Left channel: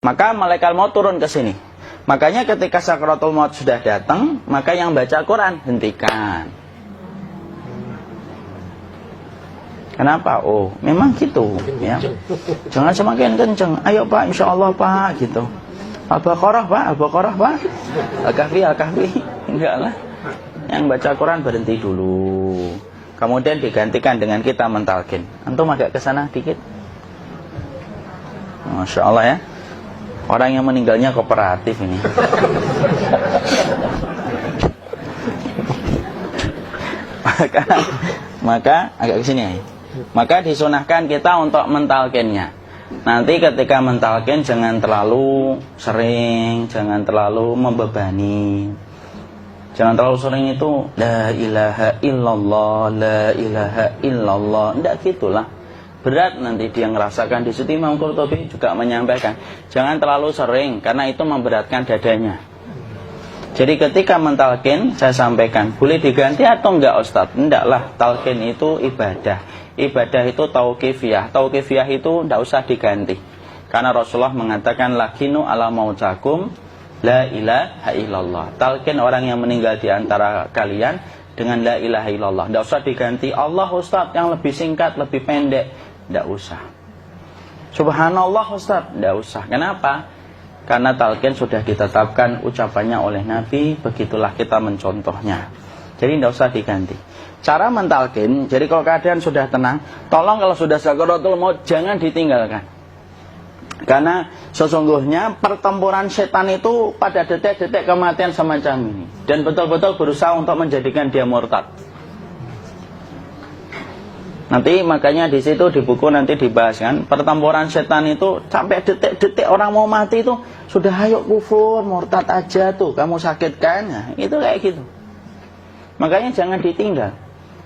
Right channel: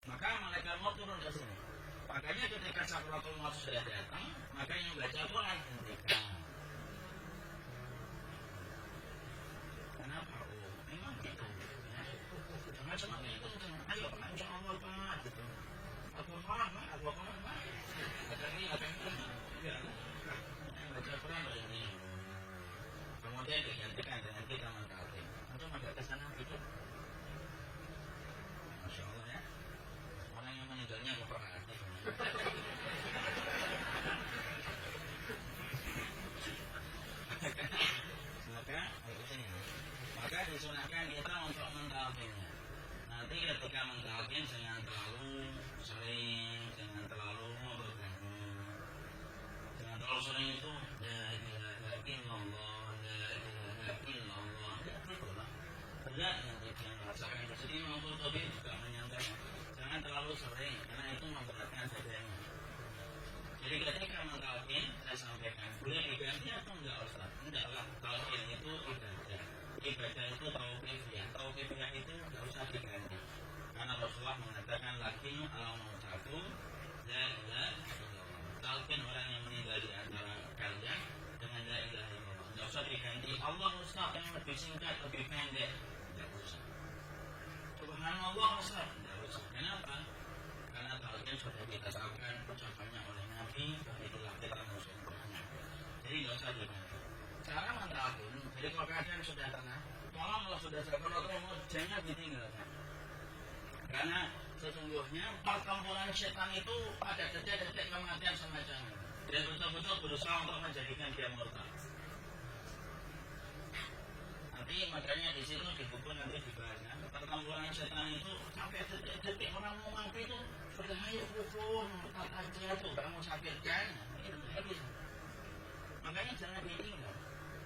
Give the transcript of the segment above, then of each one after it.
Maka malaikat maut turun ke sini. Makanya ketika sakaratul maut sudah datang, maka yang baca Quran hentikan. Kenapa? Oh, memang gitu ya. Jangan semakin kenceng. Ayo Pak, insya Allah Pak, gitu. Al-Baqarah Pak, Al-Baqarah Pak. Al-Kahfi, Al-Kahfi. Enggak lah. Yang baca Quran berhenti dulu. Kemudian digantikan dengan kita mentalkin. Antum agak ke sana dikit. Masya Allah ya. Orang yang meninggalnya kooperatif ini. maka agak ke sini ya. Maka disunahkan kita untuk mentalkinnya. Nanti ketika mentalkin jangan terlalu sering, jangan terlalu membebani. Jangan terlalu sering itu la ilaha illallah, la ilaha illallah. Tidak gitulah. Berat nanti dia ngerasakan. Di situ Imam Qurtubi juga menyampaikan, jangan terlalu sering karena itu memberatkan dadanya. Jadi ketika mentalkin, saya sampaikan, boleh diganti atau enggak Ustadz? Enggak lah, talkin itu ibadah. Ibadah itu tauqifiyah. Tauqifiyah itu enggak usah diganti. Karena Rasulullah mengatakan, lakinu ala mautakum la ilaha illallah. Talkin orang yang meninggal di antara kalian dengan la ilaha illallah. Enggak usah diganti Allah Ustadz yang lebih singkat, lebih pendek. Enggak usah. Subhanallah Ustadz, enggak usah. Kenapa? Karena talqin sudah ditetapkan ucapannya oleh Nabi, begitulah kita mencontohnya. Jadi tidak usah diganti. Cara mentalqin, jadi kalau keadaan sudah tenang, tolong kalau sudah sakaratul maut jangan ditinggalkan. Karena sesungguhnya pertempuran setan itu pada detik-detik kematian semacam ini. Dan betul-betul berusaha untuk menjadikan dia murtad. Nanti makanya di situ di buku nanti dibahas kan, pertempuran setan itu sampai detik-detik orang mau mati itu sudah ayo kufur, murtad aja tuh, kamu sakit kan? Nah, itu kayak gitu. Makanya jangan ditinggal.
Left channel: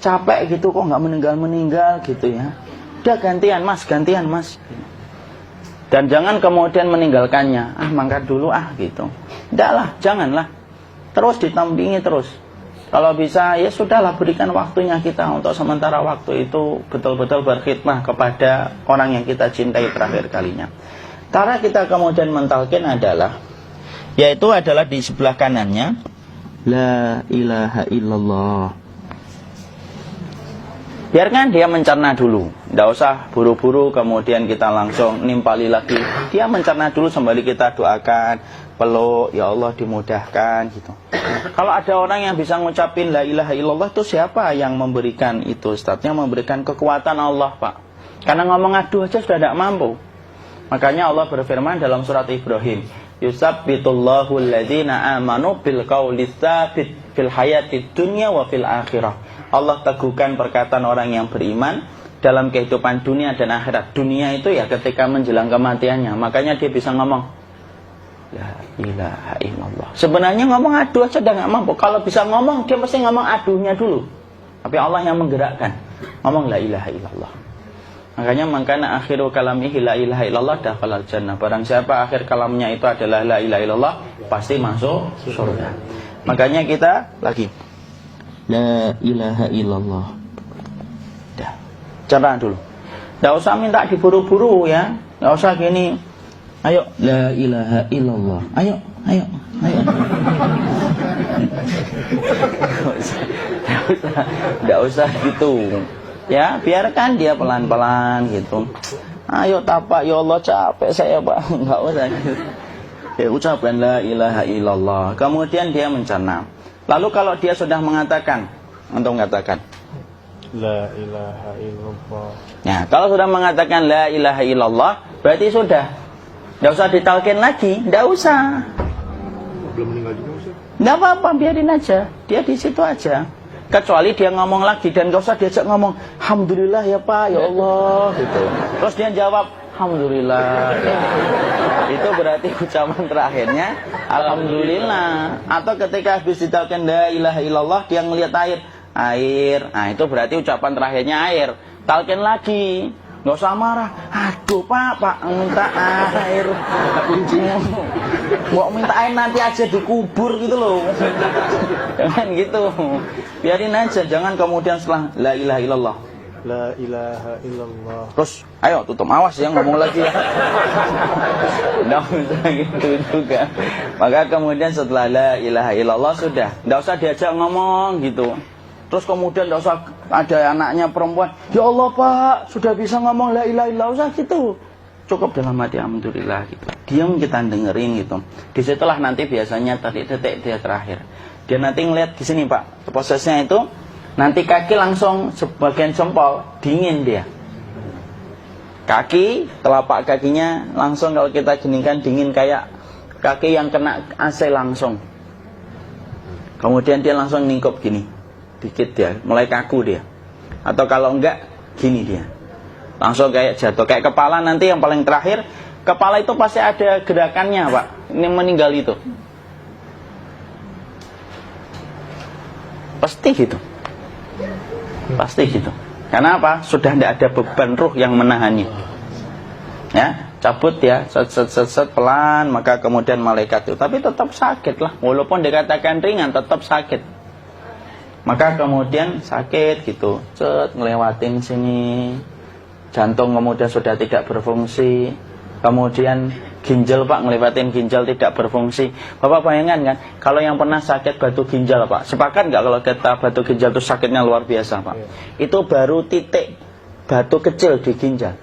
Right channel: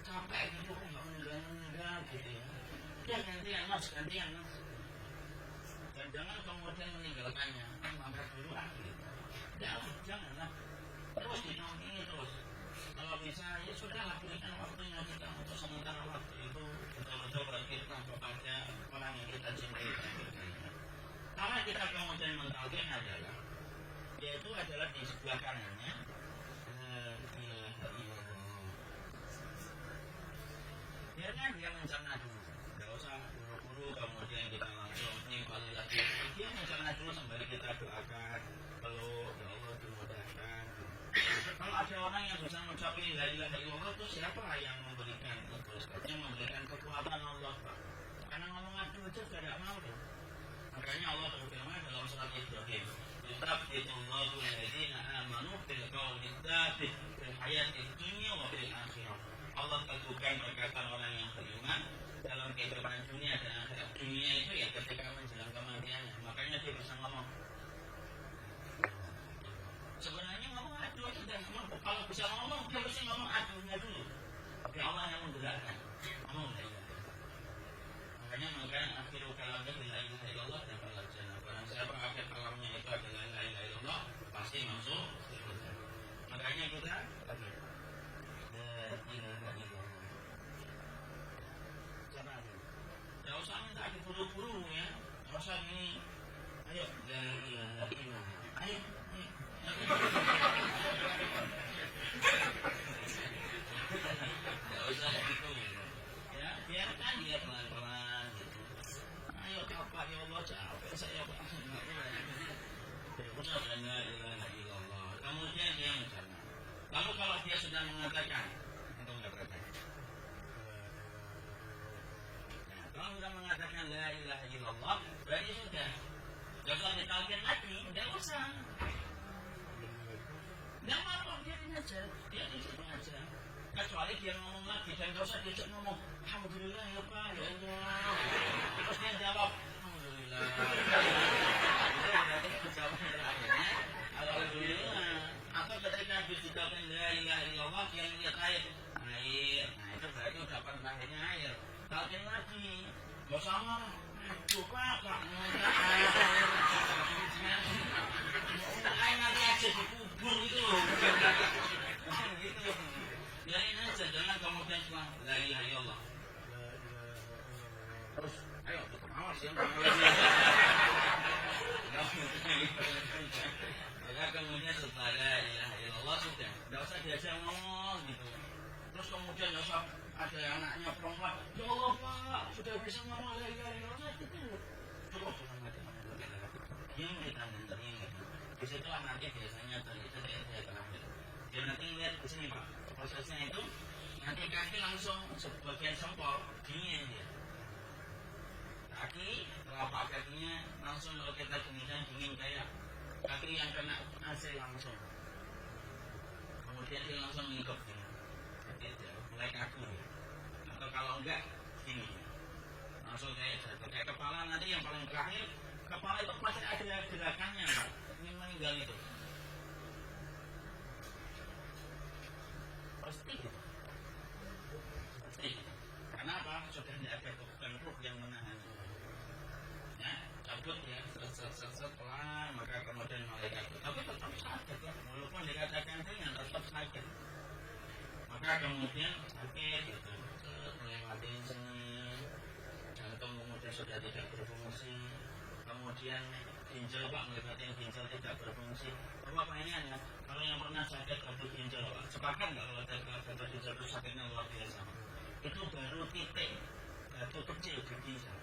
Capek gitu kok nggak meninggal gitu ya. Udah gantian mas. Dan jangan kemudian meninggalkannya. Mangkat dulu gitu. Enggak lah, janganlah. Terus ditampingi terus. Kalau bisa ya sudahlah, berikan waktunya kita untuk sementara waktu itu betul-betul berkhidmah kepada orang yang kita cintai terakhir kalinya. Cara kita kemudian mentalkin adalah, yaitu adalah di sebelah kanannya la ilaha illallah. Biarkan dia mencerna dulu, tidak usah buru-buru kemudian kita langsung nimpali lagi. Dia mencerna dulu sembari kita doakan, peluk, ya Allah dimudahkan gitu. Kalau ada orang yang bisa ngucapin la ilaha illallah, itu siapa yang memberikan itu Ustaz? Yang memberikan kekuatan Allah Pak. Karena ngomong aduh aja sudah tidak mampu. Makanya Allah berfirman dalam surat Ibrahim, yusabbitullahu alladhina amanu bil qawli tsabit fil hayatid dunya wa fil akhirah. Allah teguhkan perkataan orang yang beriman dalam kehidupan dunia dan akhirat. Dunia itu ya ketika menjelang kematiannya. Makanya dia bisa ngomong la ilaha illallah. Sebenarnya ngomong aduh aja udah gak mampu. Kalau bisa ngomong, dia mesti ngomong aduhnya dulu. Tapi Allah yang menggerakkan. Ngomong la ilaha illallah. Makanya makana akhiru kalamihi la ilaha illallah dakhalal jannah. Barang siapa akhir kalamnya itu adalah la ilaha illallah, pasti masuk surga. Makanya kita lagi la ilaha illallah. Dah. Cara dulu. Enggak usah minta diburu-buru ya. Enggak usah gini. Ayo la ilaha illallah. Ayo. Enggak usah gitu. Ya, biarkan dia pelan-pelan gitu. Ayo tapak, ya Allah capek saya Pak. Enggak usah gitu. Ya, ucapkan la ilaha illallah. Kemudian dia mencerna. Lalu kalau dia sudah mengatakan, untuk mengatakan la ilaha illallah. Ya, kalau sudah mengatakan la ilaha illallah, berarti sudah. Enggak usah ditalkin lagi, enggak usah. Belum meninggal juga Ustaz? Enggak apa-apa, biarin aja. Dia di situ aja. Kecuali dia ngomong lagi dan enggak usah diajak ngomong, alhamdulillah ya Pak, ya Allah gitu. Terus dia jawab, alhamdulillah. Ya. Itu berarti ucapan terakhirnya alhamdulillah. Atau ketika habis ditalkin la ilaha illallah, dia ngelihat air. Nah, itu berarti ucapan terakhirnya air. Talkin lagi. Nggak usah marah. Aduh Pak minta air. Kuncinya mau minta air nanti aja dikubur gitu loh. Jangan gitu. Biarin aja. Jangan kemudian setelah la ilaha illallah La ilaha illallah. Terus, ayo tutup, awas ya ngomong lagi ya. Nggak bisa gitu juga. Maka kemudian setelah la ilaha illallah sudah, nggak usah diajak ngomong gitu. Terus kemudian nggak usah ada anaknya perempuan, ya Allah Pak, sudah bisa ngomong la ilaha illallah, usah gitu. Cukup dalam hati alhamdulillah gitu. Diam kita dengerin gitu. Disitulah nanti biasanya tadi detik dia terakhir. Dia nanti ngeliat di sini Pak, prosesnya itu. Nanti kaki langsung sebagian jempol dingin dia. Kaki, telapak kakinya langsung kalau kita geningkan dingin kayak kaki yang kena AC langsung. Kemudian dia langsung ningkup gini, dikit dia, mulai kaku dia. Atau kalau enggak, gini dia. Langsung kayak jatuh, kayak kepala nanti yang paling terakhir. Kepala itu pasti ada gerakannya Pak, ini meninggal itu. Pasti gitu. Pasti gitu. Karena apa? Sudah tidak ada beban ruh yang menahannya. Ya, cabut ya, set pelan, maka kemudian malaikat itu. Tapi tetap sakit lah, walaupun dikatakan ringan, tetap sakit. Maka kemudian sakit gitu, ngelewatin sini, jantung kemudian sudah tidak berfungsi, kemudian ginjal Pak, ngelewatin ginjal tidak berfungsi. Bapak bayangkan kan, kalau yang pernah sakit batu ginjal Pak, sepakat nggak kalau kita batu ginjal itu sakitnya luar biasa Pak? Itu baru titik batu kecil di ginjal.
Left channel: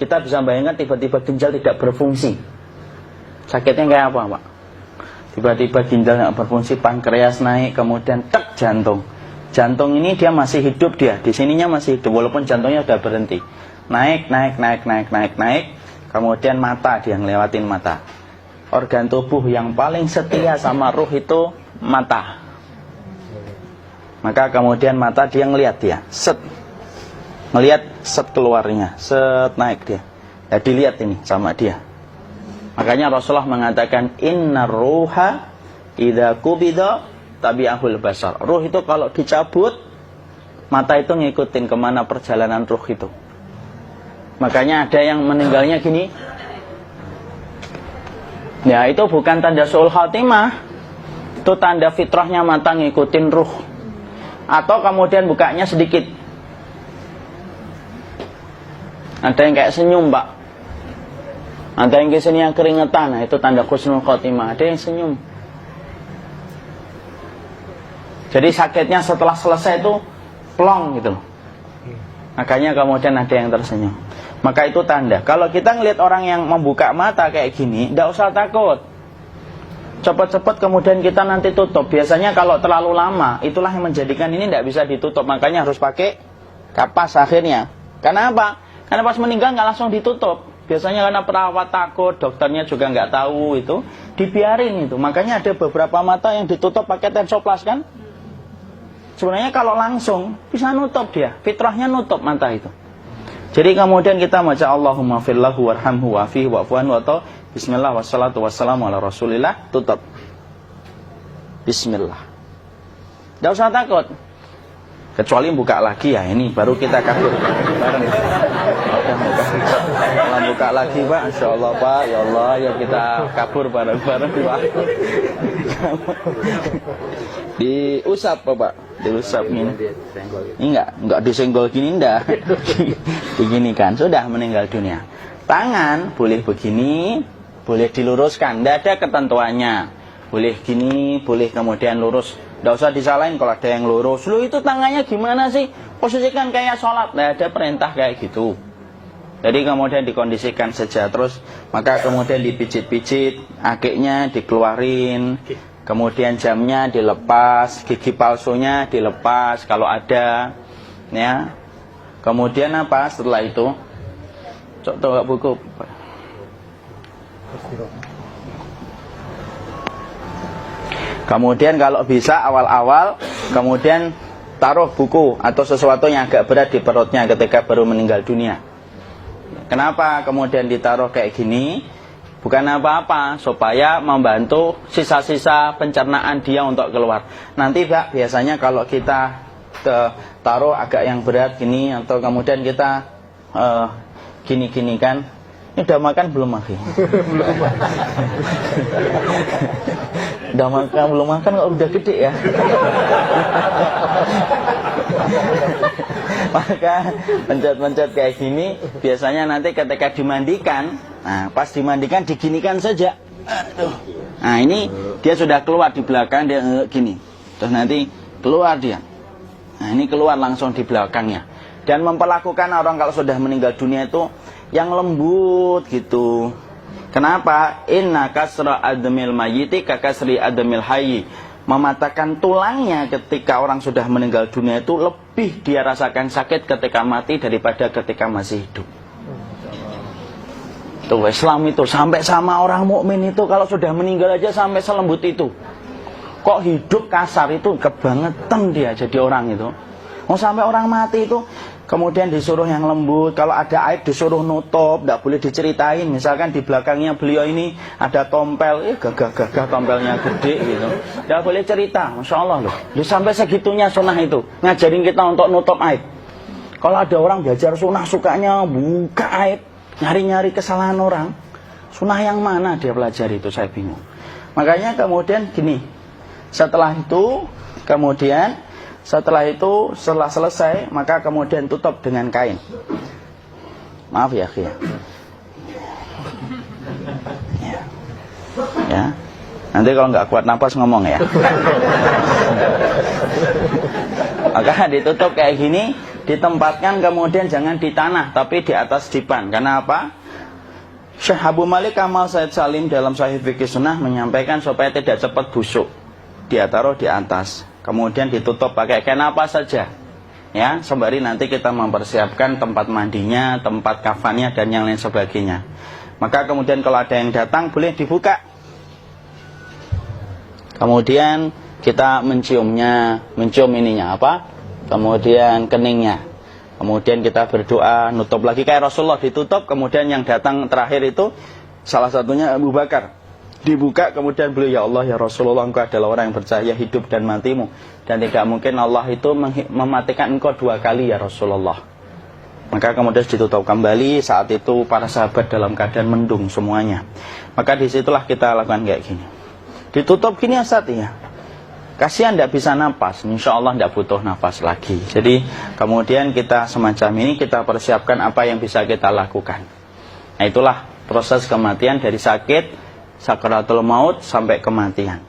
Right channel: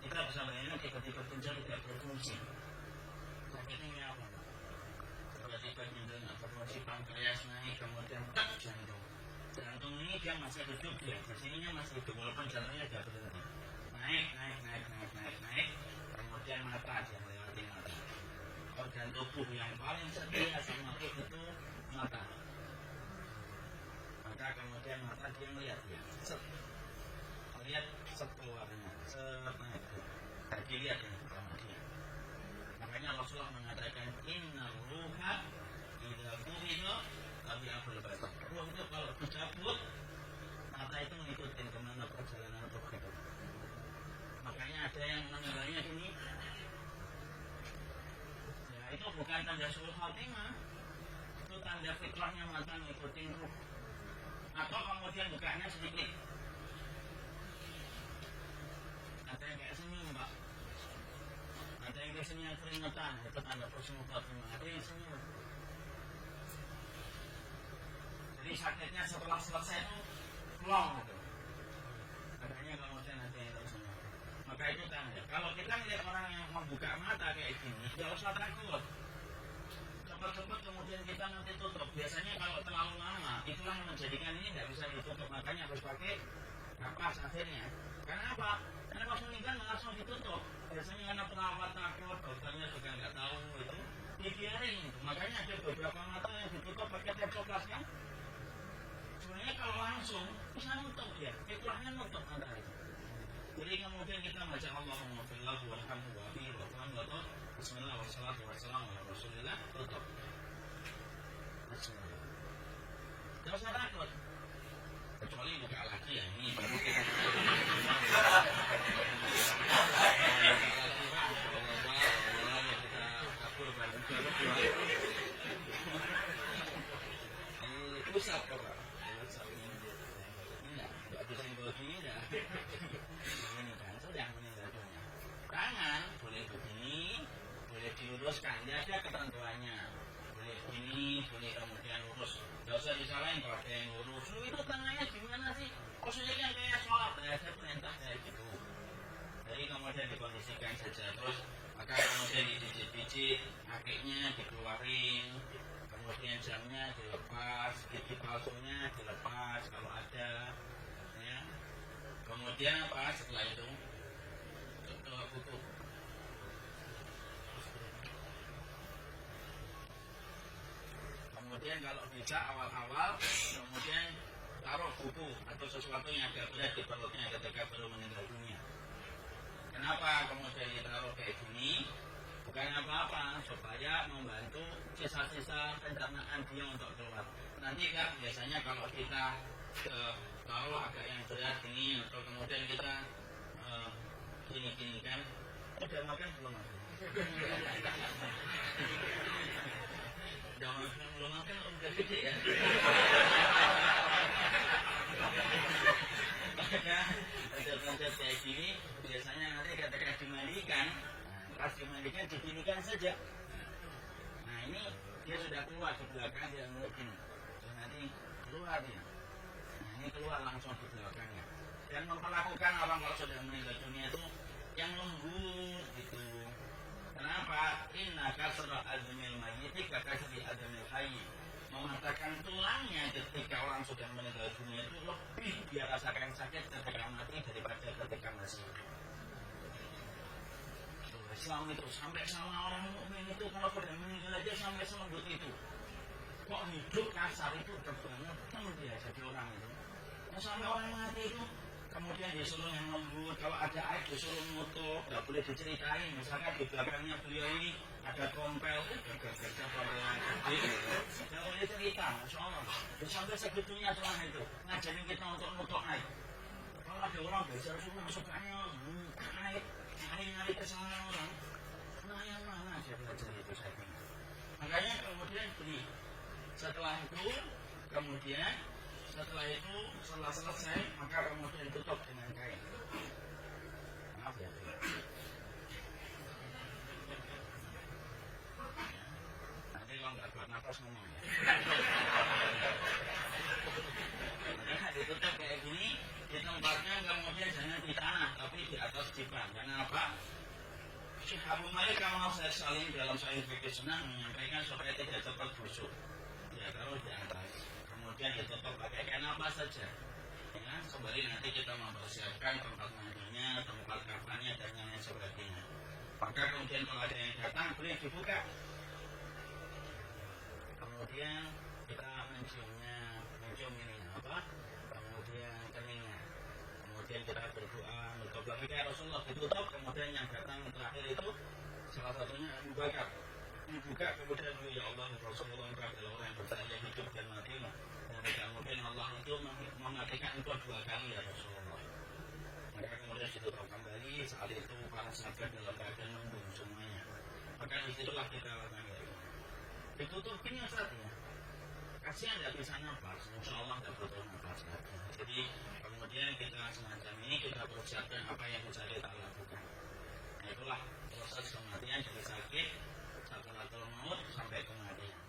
Kita bisa bayangkan tiba-tiba ginjal tidak berfungsi. Sakitnya kayak apa Pak? Tiba-tiba ginjal nggak berfungsi, pankreas naik, kemudian tek jantung. Jantung ini dia masih hidup dia, di sininya masih hidup walaupun jantungnya sudah berhenti. Naik. Kemudian mata, dia ngelewatin mata. Organ tubuh yang paling setia sama ruh itu mata. Maka kemudian mata dia ngelihat dia, set. Ngelihat set keluarnya, set naik dia. Ya dilihat ini sama dia. Makanya Rasulullah mengatakan innar ruha idza qubida tabi'ahul basar. Ruh itu kalau dicabut, mata itu ngikutin kemana perjalanan ruh itu. Makanya ada yang meninggalnya gini. Ya itu bukan tanda su'ul khatimah. Itu tanda fitrahnya mata ngikutin ruh. Atau kemudian bukanya sedikit. Ada yang kayak senyum Pak. Ada yang kesini yang keringetan. Nah, itu tanda husnul khatimah. Ada yang senyum. Jadi sakitnya setelah selesai itu plong gitu. Makanya kemudian ada yang tersenyum. Maka itu tanda. Kalau kita ngelihat orang yang membuka mata kayak gini, tidak usah takut. Cepat-cepat kemudian kita nanti tutup. Biasanya kalau terlalu lama, itulah yang menjadikan ini tidak bisa ditutup. Makanya harus pakai kapas akhirnya. Karena apa? Karena pas meninggal nggak langsung ditutup. Biasanya karena perawat takut, dokternya juga nggak tahu itu, dibiarin itu. Makanya ada beberapa mata yang ditutup pakai tensoplas kan? Sebenarnya kalau langsung bisa nutup dia, fitrahnya nutup mata itu. Jadi kemudian kita baca Allahumma fillahu warhamhu wa'afihi wa'fuanhu atau bismillah wassalatu wassalamu ala rasulillah, tutup. Bismillah. Tidak usah takut. Kecuali buka lagi ya, ini baru kita kabur bareng. Kalau buka lagi Pak, Insya Allah Pak, ya Allah ya kita kabur bareng-bareng Pak. Diusap Pak, diusap ini. Ini enggak disenggol gini enggak. Begini kan, sudah meninggal dunia. Tangan boleh begini, boleh diluruskan, enggak ada ketentuannya. Boleh gini, boleh kemudian lurus. Tidak usah disalahin kalau ada yang lurus. Lu itu tangannya gimana sih? Posisikan kayak sholat. Nah, ada perintah kayak gitu. Jadi kemudian dikondisikan saja. Terus maka kemudian dipijit-pijit, akiknya dikeluarin, kemudian jamnya dilepas, gigi palsunya dilepas kalau ada, ya. Kemudian apa setelah itu? Coba buku. Kemudian kalau bisa awal-awal, kemudian taruh buku atau sesuatu yang agak berat di perutnya ketika baru meninggal dunia. Kenapa kemudian ditaruh kayak gini? Bukan apa-apa, supaya membantu sisa-sisa pencernaan dia untuk keluar. Nanti Pak, biasanya kalau kita taruh agak yang berat gini, atau kemudian kita gini-gini kan, ini udah makan belum Maki? Udah makan belum makan kok udah gede ya? Maka pencet-pencet kayak gini biasanya nanti ketika dimandikan, nah pas dimandikan diginikan saja. Aduh. Nah ini dia sudah keluar di belakang, dia gini. Terus nanti keluar dia. Nah ini keluar langsung di belakangnya. Dan memperlakukan orang kalau sudah meninggal dunia itu yang lembut gitu. Kenapa? Inna kasra admil mayyiti kakasri admil hayyi. Mematahkan tulangnya ketika orang sudah meninggal dunia itu lebih dia rasakan sakit ketika mati daripada ketika masih hidup. Tuh Islam itu sampai sama orang mukmin itu kalau sudah meninggal aja sampai selembut itu. Kok hidup kasar itu kebangetan dia jadi orang itu. Mau sampai orang mati itu kemudian disuruh yang lembut, kalau ada aib disuruh nutup, tidak boleh diceritain. Misalkan di belakangnya beliau ini ada tompel, gagah-gagah tompelnya gede gitu. Tidak boleh cerita, Masya Allah loh. Sampai segitunya sunnah itu, ngajarin kita untuk nutup aib. Kalau ada orang belajar sunnah sukanya buka aib, nyari-nyari kesalahan orang. Sunnah yang mana dia pelajari itu saya bingung. Makanya kemudian gini, setelah selesai, maka kemudian tutup dengan kain. Maaf ya, akhi. Ya. Nanti kalau nggak kuat napas ngomong ya. Maka ditutup kayak gini, ditempatkan kemudian jangan di tanah, tapi di atas dipan. Karena apa? Syekh Abu Malik Kamal Said Salim dalam Sahih Fikih Sunnah menyampaikan supaya tidak cepat busuk. Dia taruh di atas. Kemudian ditutup pakai kain apa saja, ya, sembari nanti kita mempersiapkan tempat mandinya, tempat kafannya dan yang lain sebagainya. Maka kemudian kalau ada yang datang boleh dibuka. Kemudian kita mencium ininya apa? Kemudian keningnya. Kemudian kita berdoa, nutup lagi kayak Rasulullah ditutup. Kemudian yang datang terakhir itu salah satunya Abu Bakar. Dibuka kemudian beliau, ya Allah ya Rasulullah, engkau adalah orang yang percaya hidup dan matimu, dan tidak mungkin Allah itu mematikan engkau 2 kali ya Rasulullah. Maka kemudian ditutup kembali. Saat itu para sahabat dalam keadaan mendung semuanya. Maka disitulah kita lakukan kayak gini. Ditutup gini Ustaz ya. Kasihan tidak bisa napas, insya Allah tidak butuh napas lagi. Jadi kemudian kita semacam ini kita persiapkan apa yang bisa kita lakukan. Nah itulah proses kematian dari sakit sakaratul maut sampai kematian.